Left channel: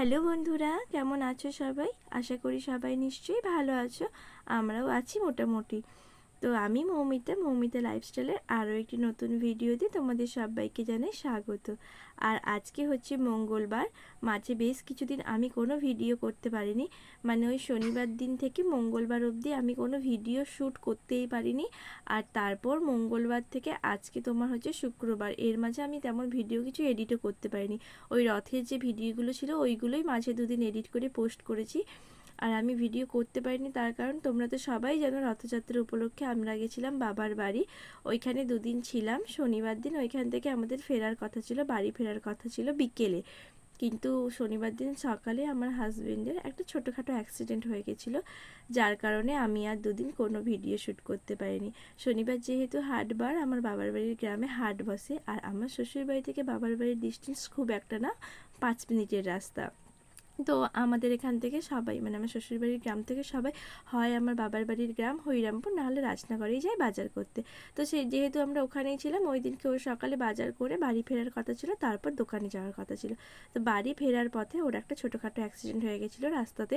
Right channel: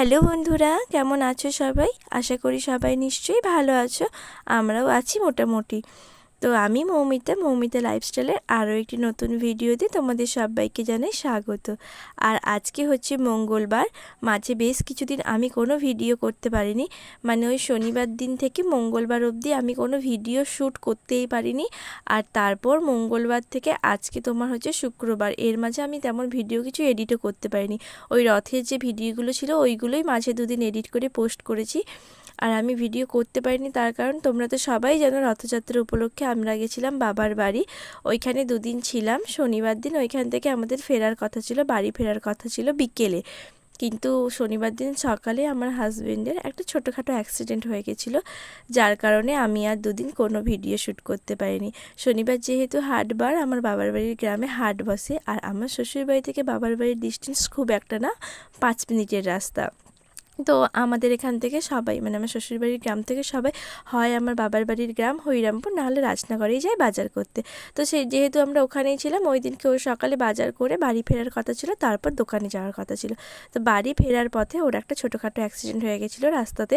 Hello বন্ধুরা, কেমন আছো সবাই? আশা করি সবাই নিশ্চয়ই ভালো আছো। আমরাও আছি মোটামুটি। তো আমি মৌমিতা লাইফস্টাইলের আরও একটি নতুন ভিডিওতে তোমাদের সবাইকে জানাই স্বাগত। আর আজকে হচ্ছে মঙ্গলবার। মাঝে বেশ কিছুদিন আমি কোনো ভিডিও করতে পারিনি, মানে ওই শনিবার দিন থেকে মঙ্গলবার অবধি আমি কোনো ভিডিও শ্যুট করতেই পারিনি। আর তারপর মঙ্গলবার থেকে আজকে তোমার হচ্ছে শুক্রবার, এর মাঝে আমি তেমন ভিডিও কিছু এডিটও করতে পারিনি। ওই রথের যে ভিডিওগুলো ছিল ওইগুলোই মাঝে দুদিন এডিট করে পোস্ট করেছি। আর আমি ভিডিও করতে পারিনি তার কারণ তোমরা তো সবাই জানো, রথযাত্রা উপলক্ষে আমরা গেছিলাম বাবার বাড়ি। ওইখানে দুদিন ছিলাম। শনিবার দিন ওইখান থেকে আমাদের ফেরার কথা ছিল, বাড়ি ফেরার কথা ছিল বিকেলে। কিন্তু শনিবার দিন সকালে আমার হাজবেন্ডের একটা ছোটোখাটো অ্যাক্সিডেন্ট হয়ে গেছিলো, যার কারণে আমি আর দুদিন কোনো ভিডিও শ্যুট করতে পারিনি। শনিবার যেহেতু হাটবার, আমার বাবার বাড়ির গ্রামে হাট বসে, আর আমার শ্বশুর বাড়ি থেকে বাবার বাড়ির ডিস্টেন্স খুব একটা না, 5 মিনিটের রাস্তা। তো আমাদের এখান থেকে সবাই, মানে আমার শ্বশুরবাড়ির গ্রাম থেকে সবাই হয় আমার বাবার বাড়ির গ্রাম হরিরামপুর, নাহলে রাজনগরেই যায় বাজার করতে। তো সেই যেহেতু আমরা ওখানেই ছিলাম, ওই দিনকে ওই সকালে বাজার করে বাড়ি ফেরার কথা ছিল, তারপর দোকানে যাওয়ার কথা ছিল। তো বাড়ি ফেরার পথে ওর একটা ছোটোখাটো অ্যাক্সিডেন্ট হয়ে গেছিলো রাস্তাতে।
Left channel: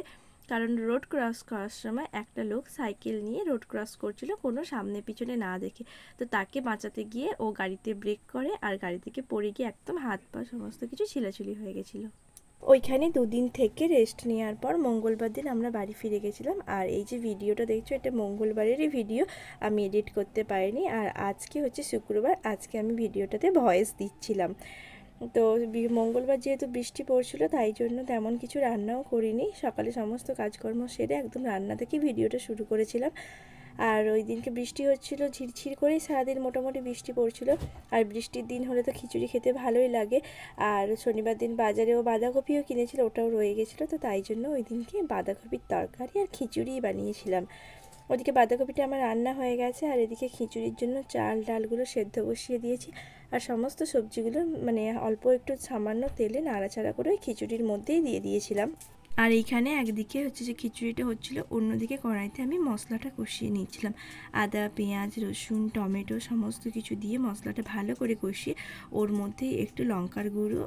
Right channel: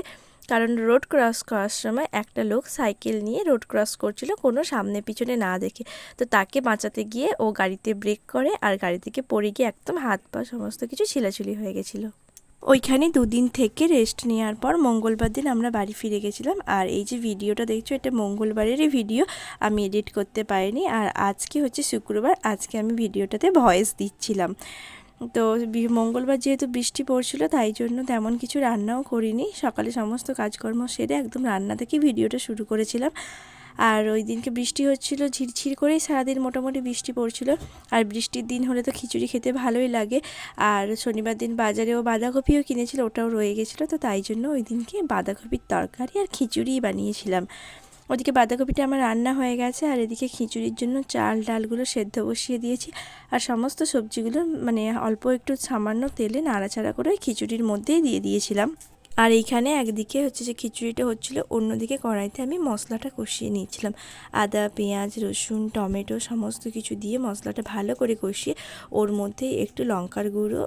কারণ রোড ক্রস করার সময় একটা লোক সাইকেল নিয়ে রোড ক্রস করছিল কোনো সামনে পিছনে না দেখে। তো তাকে বাঁচাতে গিয়ে ও গাড়িতে ব্রেক করে, আর গাড়ি থেকে পড়ে গিয়ে একদম হাত পা সমস্ত কিছু ছিলাছুলি হয়ে গেছিলো। ওইখানে দুদিন থেকে রেস্ট নেওয়ার পর মঙ্গলবার দিন আমরা বাড়ি ফিরে গেছিলাম। আর এই যে ভিডিওটা দেখছো, এটা মঙ্গলবারেরই ভিডিও, আমি এডিট করতে পারিনি। আর আজকে হচ্ছে শুক্রবার, আজকে আমি ভিডিওটাতে ভয়েস দিচ্ছিলাম। তো মঙ্গলবার যেহেতু বৃষ্টি পড়ছিল, তাই জন্য তেমন কিছু রান্নাও করিনি। সকালে সমস্ত কাজকর্ম সেরে একদম রান্না থেকে ভিডিওটা শুরু করেছিলাম। আর ওই দিনকে বৃষ্টি হচ্ছিল, ঝিরঝির করেই সারাদিন মোটামুটি বৃষ্টি পড়ছিল। আর বৃষ্টির দিন হলে তো খিচুড়ি খেতে ভালোই লাগে। আর শনিবার দিন বাজারেও বাঁধাকপিও কিনেছিল, ওটাও রয়ে গেছিলো। তো তাই জন্য ওই দিনকে বাঁধাকপির তরকারি আর খিচুড়িই বানিয়েছিলাম। ওদিকে বাঁধাকপিটা আমার রান্না হয়ে গেছে, আর এদিকে খিচুড়ির জন্য চাল ডালগুলো সেদ্ধ বসিয়ে দিয়েছি। আর সমস্ত সবজিগুলো মানে অল্প একটু সামান্য তেলে নাড়াচাড়া করে ওই খিচুড়ির মধ্যেই দিয়ে দিয়েছিলাম। আর এইখানে একদিকে হচ্ছে যে খিচুড়িটা হচ্ছিলো, অন্যদিকে কড়াইতে আমি মশলাটা কষিয়ে নিয়েছিলাম। আদা, পেঁয়াজ, রসুন, টমেটো সমস্ত কিছু দিয়ে মশলাটা ভালো করে কষিয়ে ওর মধ্যে একটু লঙ্কার গুঁড়ো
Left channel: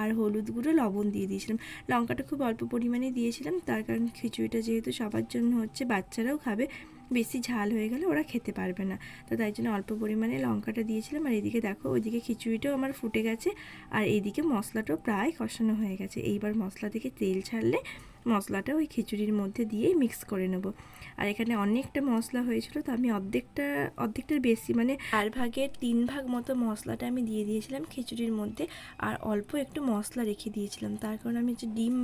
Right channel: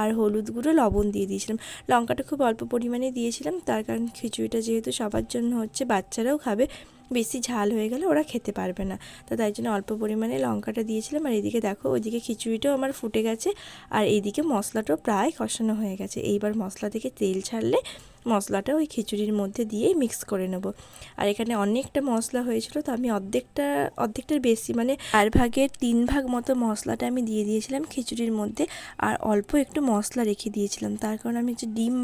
আর হলুদ গুঁড়ো, লবণ দিয়ে দিয়েছিলাম। লঙ্কাটা খুব অল্প পরিমাণে দিয়েছিলাম, তার কারণ খিচুড়িটা যেহেতু সবার জন্য হচ্ছে, বাচ্চারাও খাবে, বেশি ঝাল হয়ে গেলে ওরা খেতে পারবে না। তো তাই জন্য অল্প পরিমাণে লঙ্কাটা দিয়েছিলাম। আর এদিকে দেখো, ওইদিকে খিচুড়িটাও আমার ফুটে গেছে, আর এইদিকে মশলাটাও প্রায় কষানো হয়ে গেছে। এইবার মশলা থেকে তেল ছাড়লে মশলাটা ওই খিচুড়ির মধ্যে দিয়েই মিক্স করে নেব। আর এখানে অনেকটা মশলা হয়েছিল, তো আমি অর্ধেকটার বেশি, মানে 3/4 মতো মশলাটা আমি দিয়ে দিয়েছিলাম খিচুড়ির মধ্যে। আর অল্প একটু মশলা রেখে দিয়েছিলাম, তার কারণ আমি যে ডিম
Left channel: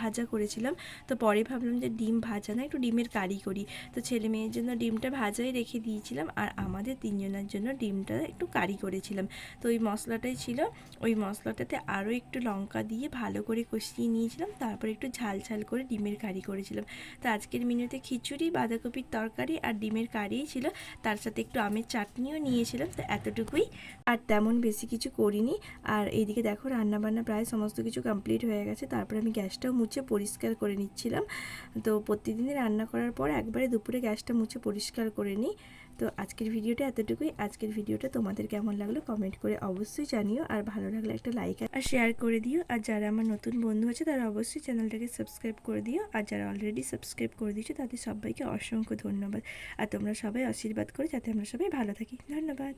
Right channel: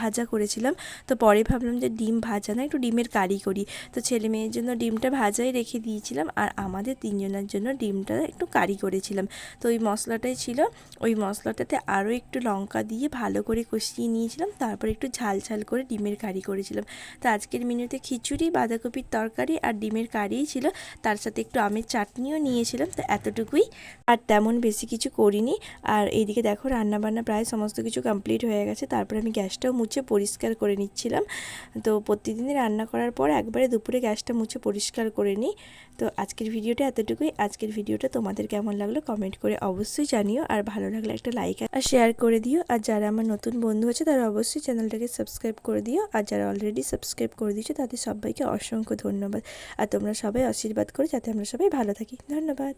ভাজা করেছিলাম। তো পরে ভাবলাম যে ডিম ভাজা না, একটু ডিমের কারি করি। তো ছেলে মেয়ের জন্য ডিমটা ভাজাই রেখে দিয়েছিলাম, আর আমাদের তিনজনের জন্য ডিমটা একটু কারি করেছিলাম। তো ওই মশলাটাই ছিল, ওই মশলাটাতে আরও একটু লঙ্কা দিয়ে ভালো করে কষিয়ে নিয়েছিলাম। তারপর একটু ঝাল ঝাল করে ডিমের কারি করেছিলাম। তো আজকের মেনুতে খিচুড়ি, বাঁধাকপির তরকারি আর ডিমের কারিই ছিল, তার সাথে একটু আমের চাটনিও নিয়েছিলাম। তো এতটুকুই, আর তেমন বেশি কিছু করিনি। আর এইদিকে দেখো, রান্নাবান্না প্রায় সমস্ত কিছু কমপ্লিট হয়ে গেছে। তারপর আমি গ্যাসটাও মুছে পরিষ্কার করে নিচ্ছিলাম। তো প্রতিদিনই রান্না করার পর একবারে দুপুরে গ্যাসটা মুছে পরিষ্কার করে নিই। তো আজকের ভিডিওটা এতটুকুই। আজকের ভিডিওটা তোমাদের কেমন লাগলো কমেন্ট করে অবশ্যই জানিও, আর ভালো লাগলে একটা লাইক আর শেয়ার করে দিও। আর যারা আমার নতুন বন্ধু আছে তারা অবশ্যই চ্যানেলটাকে সাবস্ক্রাইব করে দিও, আর যারা অলরেডি সাবস্ক্রাইব করে দিয়েছো তাদের সবাইকে অসংখ্য ধন্যবাদ। আর তোমরা সবাই আশীর্বাদ করো যাতে আমরা সবাই ভালো থাকি। ধন্যবাদ।